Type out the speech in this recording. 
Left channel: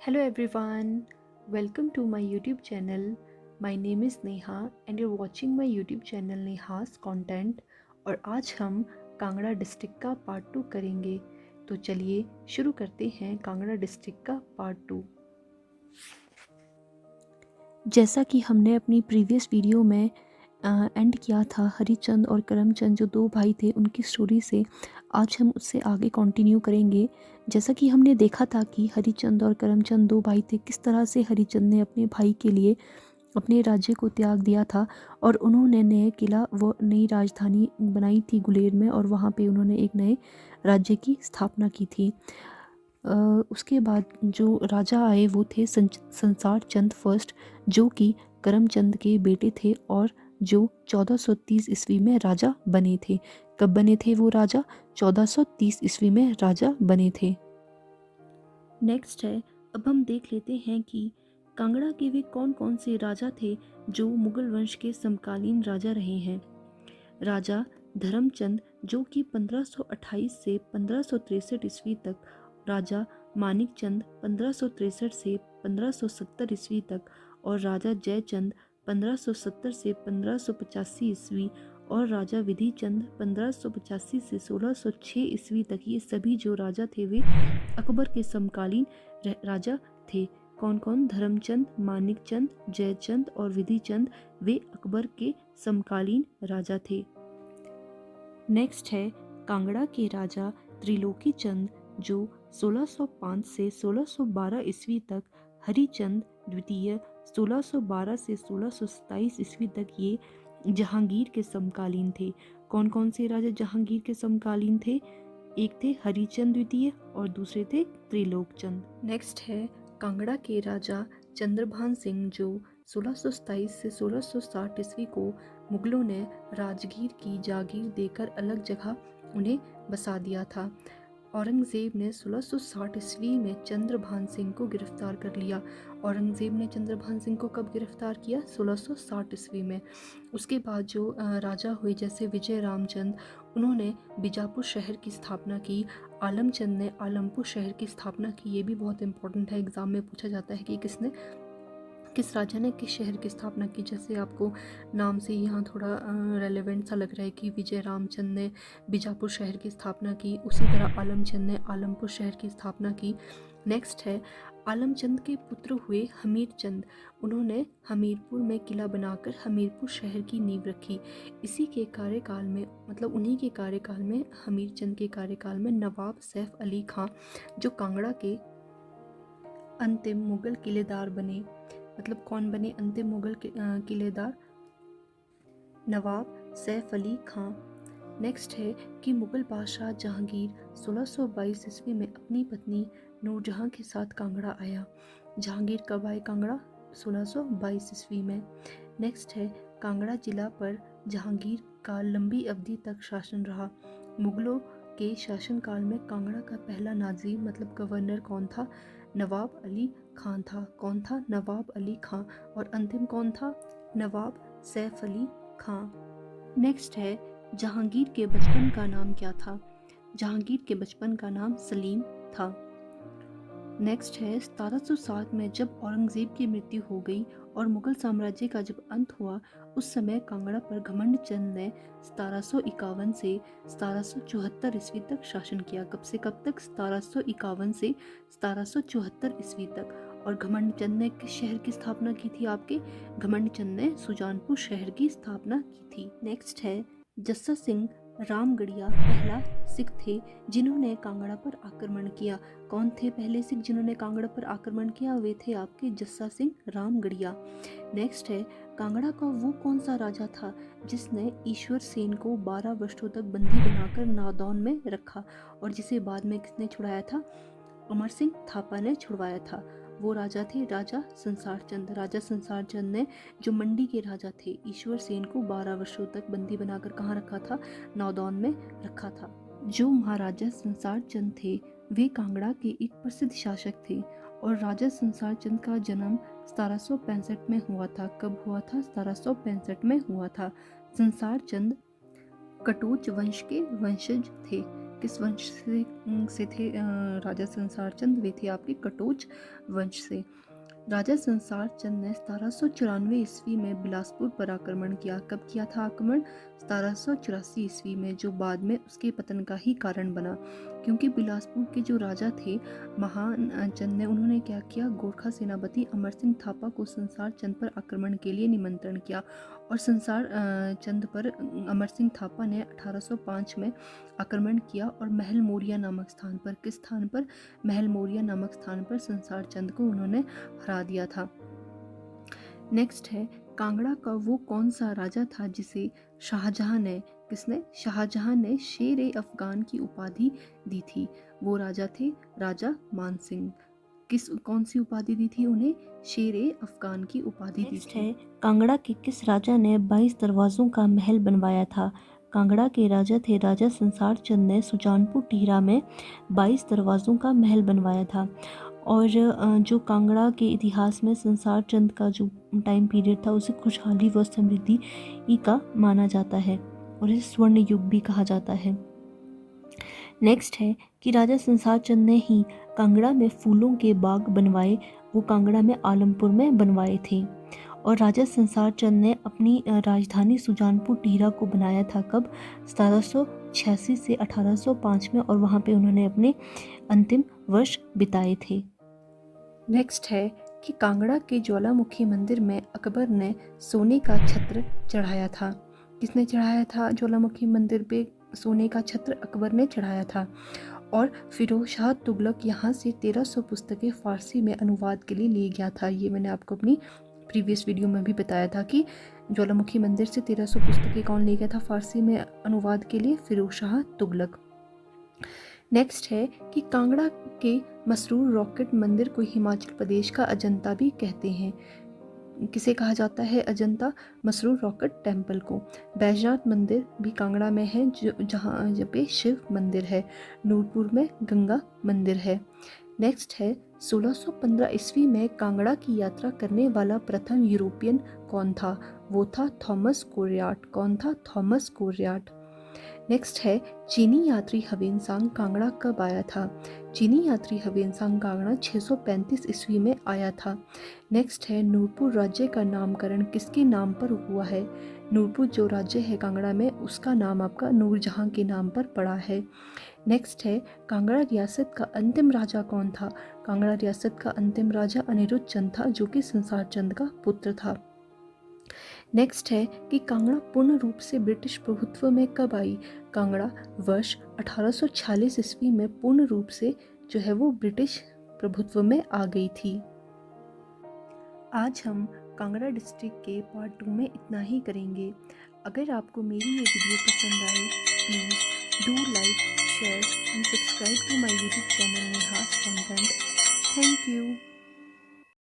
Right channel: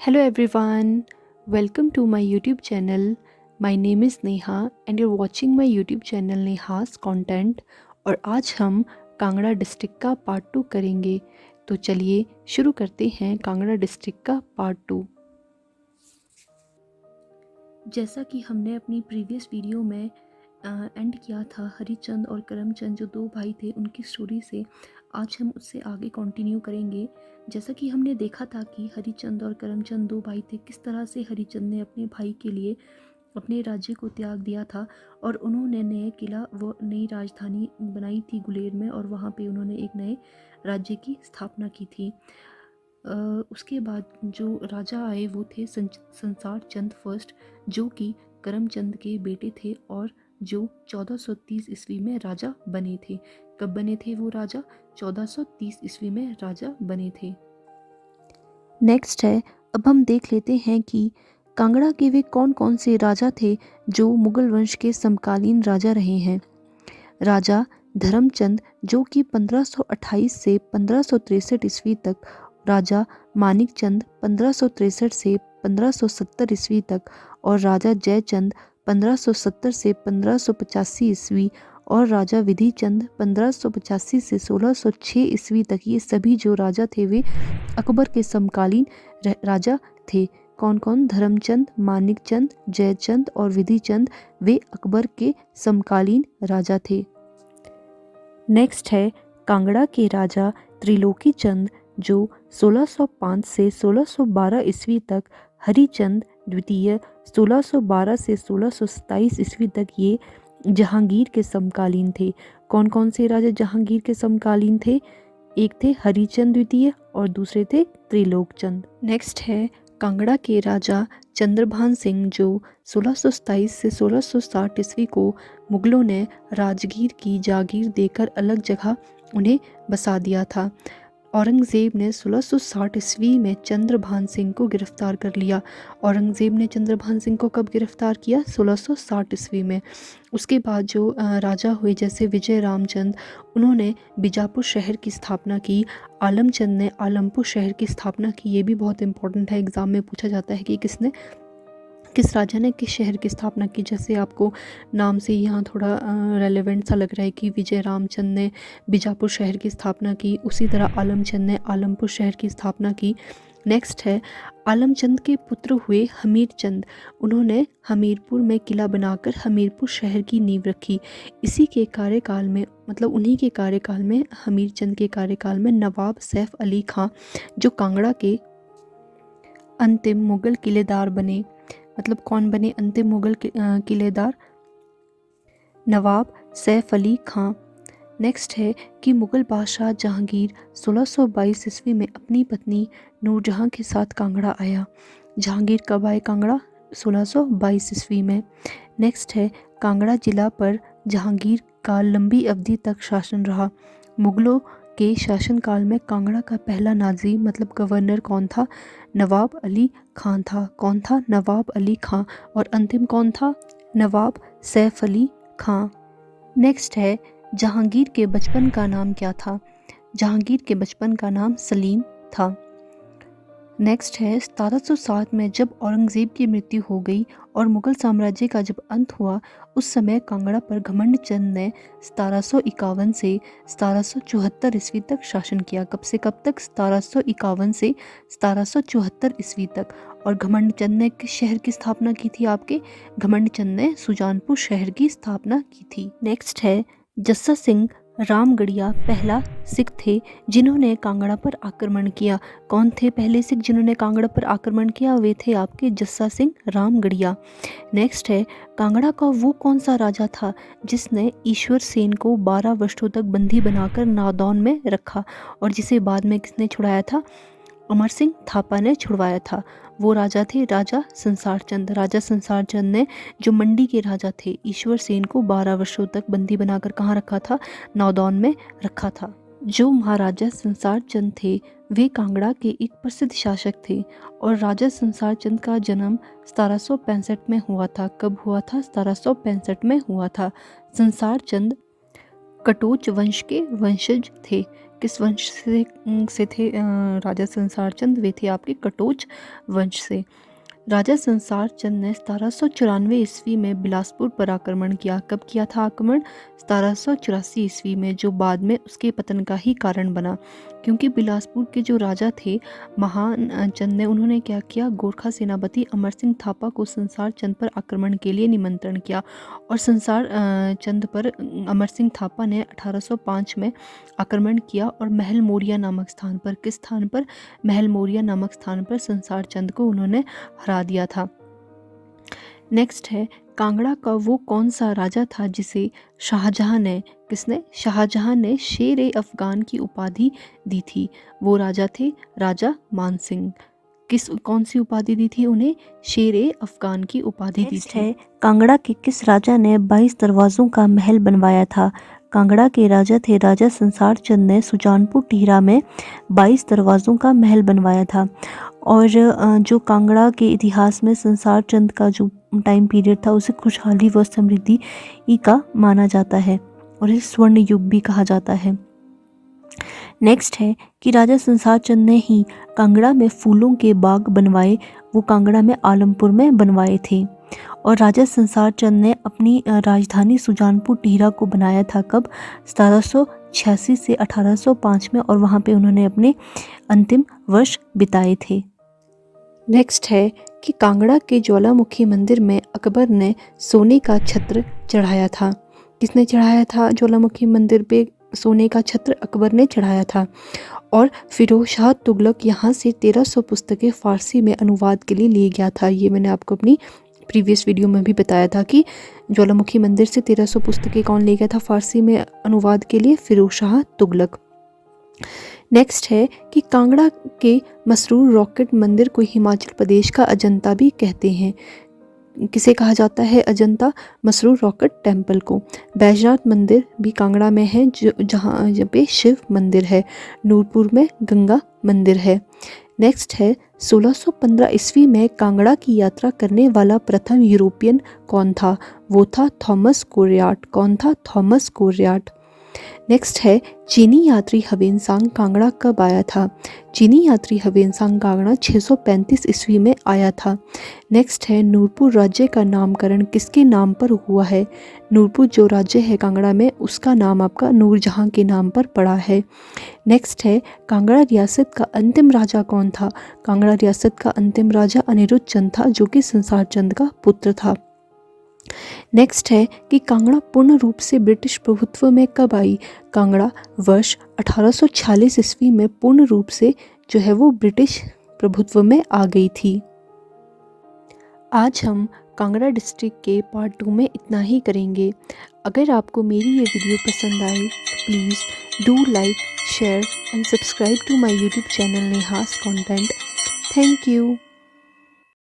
Hello everyone, welcome to my YouTube channel. My name is Neha and you're watching my YouTube channel नेहास content. और आज हम Kangra district का part 2 करेंगे। तो चलिए शुरू करते हैं कांगड़ा डिस्ट्रिक्ट का पार्ट 2। जैसा कि हमने अपनी प्रीवियस वीडियो में एंड किया था हरिचंद और करमचंद जो दो भाई थे उनकी स्टोरी से, आज हम उससे आगे कंटिन्यू करेंगे। जैसा कि हमने देखा था कि हरिचंद और करमचंद दो भाई थे, किस तरह से हरिचंद ने अपने भाई के लिए अपने राज्य को त्याग दिया था और उन्होंने नए किला व नई राजधानी बनाई थी गुलेर में, और वहाँ पे उन्होंने एक नए राज्य की स्थापना की थी। उसके बाद जो राजा आए वो थे संसार चंद फर्स्ट, जो कि करमचंद के बेटे थे और जो 1430 ईस्वी में राजा बने थे। कब बने थे वो राजा? 1430 ईस्वी में राजा बने थे। नेक्स्ट है, अब हम देख लेते हैं कि कांगड़ा के वे कौन कौन से राजा थे जो मुगल वंश के समकालीन राजा रहे हैं। राजा धर्मचंद, जो कि 1528 से 1563 ईस्वी तक, राजा मानिक चंद 1563 से 1570 ईस्वी तक, और राजा जयचंद 1570 से 1585 ईस्वी, और राजा विधि चंद 1585 से 1606 ईस्वी तक। ये सभी जो राजा थे वे अकबर के समकालीन राजा थे। कौन कौन? धर्मचंद, मानिक चंद, जयचंद और विधि चंद, वे अकबर के समकालीन राजा थे। नेक्स्ट है कांगड़ा के राजा त्रिलोकी चंद, जो 1605 से 1612 ईस्वी तक, हरिचंद द्वितीय 1612 से 1627 ईस्वी तक, ये जहांगीर के समकालीन थे। कौन कौन से राजा जहांगीर के समकालीन थे? एक थे हरिचंद द्वितीय और दूसरे थे त्रिलोक चंद। नेक्स्ट है कांगड़ा के राजा चंद्रभान सिंह, जो 1627 से 1660 ईस्वी को मुगलों ने राजगीर की जागीर देकर अलग जगह उन्हें बसा दिया था। औरंगज़ेब ने 1660 ईस्वी में चंद्रभान सिंह को गिरफ्तार कर लिया। औरंगज़ेब ने चंद्रभान सिंह को कब गिरफ्तार किया? 1660 ईस्वी में। उसके बाद जो राजा हुए जैसे विजय रामचंद, उन्होंने बीजापुर शहर की स्थापना की। आलमचंद ने आलमपुर शहर की स्थापना की। ये भी बहुत इंपॉर्टेंट है, एग्ज़ाम में पूछा जाता है कि किस राजा ने किस शहर की स्थापना की। जैसे आपको नाम से यहाँ थोड़ा रेलेवेंट सा लग रहा है कि विजय रामचंद ने बीजापुर शहर की स्थापना की, उसी तरह आलमचंद ने आलमपुर शहर की स्थापना की। नेक्स्ट है आलमचंद के पुत्र हुए हमीर चंद, उन्होंने हमीरपुर में किला बनाकर हमीरपुर शहर की नींव रखी। इसी के कार्यकाल में, मतलब उन्हीं के कार्यकाल में, हमीर चंद के कार्यकाल में नवाब सैफ अली खां, जो कांगड़ा के अंतिम मुगल किलेदार बने। मतलब कौन बने अंतिम मुगल किलेदार? नवाब सैफ अली खां। नेक्स्ट है कि मुगल बादशाह जहांगीर 1622 ईस्वी में अपनी पत्नी नूरजहां के साथ कांगड़ा आया। जहांगीर कब आए कांगड़ा? 1622 ईस्वी में। नेक्स्ट है कांगड़ा जिला पर जहांगीर का लंबी अवधि तक शासन रहा। मुगलों के शासनकाल में कांगड़ा का पहला नाज़िम मतलब गवर्नर कौन था? नवाब अली खां था। कौन था? नवाब अली खां। और अंतिम कौन था? नवाब सैफ अली खां। नेक्स्ट है जहांगीर के बचपन का नाम क्या था? जहांगीर के बचपन का नाम सलीम था। नेक्स्ट है 1707 में जब औरंगज़ेब की मृत्यु हो गई और मुगल साम्राज्य का जब अंत हुआ, उस समय कांगड़ा पर घमंड चंद ने 1751 से 1774 ईस्वी तक शासन किया। कब से कब तक? 1751 से 1774 ईस्वी तक। और घमंड चंद ने किस शहर की स्थापना की थी आपके? घमंड चंद ने सुजानपुर शहर की स्थापना की थी। नेक्स्ट है जस्सा सिंह रामगढ़िया पहला सिख थे जिन्होंने कांगड़ा पर आक्रमण किया। कौन थे पहले सिख जिन्होंने कांगड़ा पर आक्रमण किया? वे थे आपके जस्सा सिंह रामगढ़िया। नेक्स्ट है कांगड़ा का वो कौन सा राजा था जिसने ईश्वर सेन को 12 वर्षों तक बंदी बनाकर नादौन में रखा और जिसे बाद में किसने छुड़ाया था? अमर सिंह थापा ने छुड़वाया था। वो राजा थे राजा संसार चंद। राजा संसार चंद ने, जो मंडी के राजा थे, ईश्वर सेन को 12 वर्षों तक बंदी बनाकर कहाँ रखा था? नादौन में रखा था। जो महाराजा संसार चंद थे वे कांगड़ा के एक प्रसिद्ध शासक थे और राजा संसार चंद का जन्म 1765 में हुआ था। कब हुआ था? 1765 में हुआ था। संसार चंद कटोच वंश के वंशज थे। किस वंश से थे राजा संसार चंद? वे थे आपके कटोच वंश से। राजा संसार चंद ने 1794 ईस्वी में बिलासपुर पर आक्रमण किया। कब किया था आक्रमण? 1784 ईस्वी में, जो बाद में उसके पतन का ही कारण बना, क्योंकि बिलासपुर के जो राजा थे महान चंद ने, उन्होंने क्या किया, गोरखा सेनापति अमर सिंह थापा को संसार चंद पर आक्रमण के लिए निमंत्रण किया और संसार चंद पर अमर सिंह थापा ने 1805 में आक्रमण किया और महल मोरिया नामक स्थान पर, किस स्थान पर? महल मोरिया नामक स्थान पर संसार चंद को उन्होंने हरा दिया था। नेक्स्ट है, कांगड़ा का वो कौन सा राजा था जिसे शाहजहां ने, किसने? शाहजहां ने शेर ए अफगान की उपाधि दी थी। वो राजा थे राजा मानसिंह। कौन सी उपाधि दी थी उन्हें? शेर ए अफगान की उपाधि दी थी। है, कांगड़ा के किस राजा ने 22 दरवाजों का महल बनवाया था? कांगड़ा के राजा थे राजा संसार चंद ने सुजानपुर टिहरा में 22 दरवाजों का महल बनवाया था। और जो कांगड़ा के इतिहास में संसार चंद का जो टाइम पीरियड था उसे खुशहाली व समृद्धि का माना जाता है और इसे स्वर्ण युग भी कहा जाता है। नेक्स्ट है कि राजा संसार चंद ने ही कांगड़ा में फूलों के बाग बनवाए, वो कांगड़ा में आलमपुर में बनवाए थे। और राजा संसार चंद ने अपनी राजधानी सुजानपुर टिहरा को बनाया था कब? 1786 से 1805 में, और वहाँ पे उन्होंने अपने अंतिम वर्ष बिताए थे। नेक्स्ट है कि कांगड़ा के ज्वालामुखी मंदिर में अकबर ने सोने का छत्र चढ़ाया था। किसने चढ़ाया था ज्वालामुखी मंदिर पे सोने का छत्र? अकबर ने चढ़ाया था। और फिरोज शाह तुगलक यहाँ से 1300 पुस्तकें फारसी में अनुवाद के लिए ले गया था। ये मैंने आपको अपनी प्रीवियस वीडियो में भी बताया था कि ज्वालामुखी मंदिर से 1300 पुस्तकें कौन ले गया था फारसी में अनुवाद के लिए? फिरोज शाह तुगलक। नेक्स्ट है कि कांगड़ा के मसरूर रॉकेट मंदिर को हिमाचल प्रदेश का अजंता भी कहते हैं। किसे कहा जाता है अजंता? मसरूर रॉकेट टेम्पल को। बैजनाथ मंदिर भी कांगड़ा में है, जहाँ पे शिव मंदिर है। नूरपुर में गंगा मंदिर है। नेक्स्ट है 1615 ईस्वी में कांगड़ा की यात्रा करने वाला प्रथम यूरोपियन कौन था? वो था थॉमस कोरियाट। कौन था? थॉमस कोरियाट। नेक्स्ट है चीनी यात्री हवेनसांग कांगड़ा कब आया था? चीनी यात्री हवेनसांग कांगड़ा 635 ईस्वी में आया था। नेक्स्ट है नूरपुर राज्य का नामकरण किसके नाम पर हुआ है? नूरपुर जो राज्य है कांगड़ा में उसका नाम आपका नूरजहां के नाम पर पड़ा है। नेक्स्ट है कांगड़ा रियासत का अंतिम राजा कौन था? कांगड़ा रियासत का अंतिम राजा अनिरुद्ध चंद था, जो कि संसार चंद का पुत्र था। नेक्स्ट है कि कांगड़ा पूर्ण रूप से ब्रिटिश प्रभुत्व में कब आई? कांगड़ा वर्ष 1846 ईस्वी में पूर्ण रूप से जो है वो ब्रिटिश प्रभुत्व में आ गई थी। आज हम कांगड़ा डिस्ट्रिक्ट के पार्ट 2 में इतना ही करेंगे। अगर आपको मेरी ये वीडियो पसंद आई तो please do like, share and subscribe to my YouTube channel Neha's content. Thank you.